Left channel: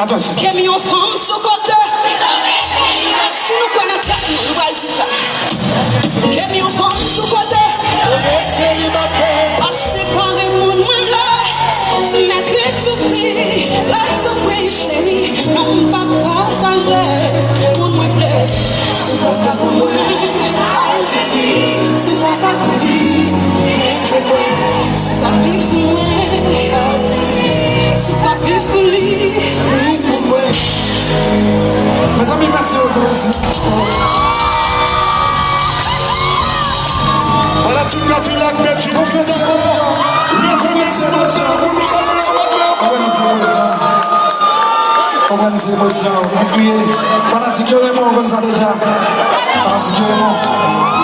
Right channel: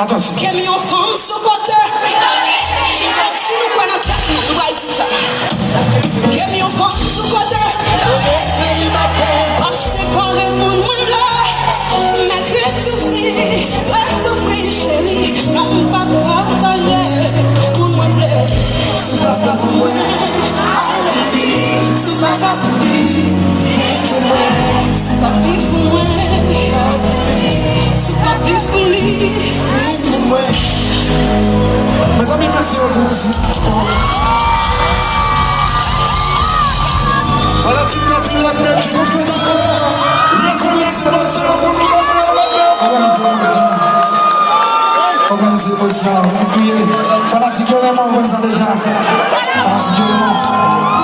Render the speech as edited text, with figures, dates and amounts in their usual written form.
Attention. Quel million de femmes sur côté. Si nous prenons tête, nous allons dire ça. Quel million de femmes sur côté. Séparer mon monde là. Mettre les souffrir, chérie. Non, pas partager. Mon monde plaît. C'est pas ta pour moi. C'est pas ta pour c'est pas vivre pour moi. C'est pas vivre pour lui. Vivre pour moi. Mes amis, merci beaucoup. Voilà, tu l'as, tu penses que c'est comme ça. Il y a trop de c'est pas pour nous organiser l'émotion, on a crié. Fanatique, vraiment, on ça déjà. Fanatique, vraiment.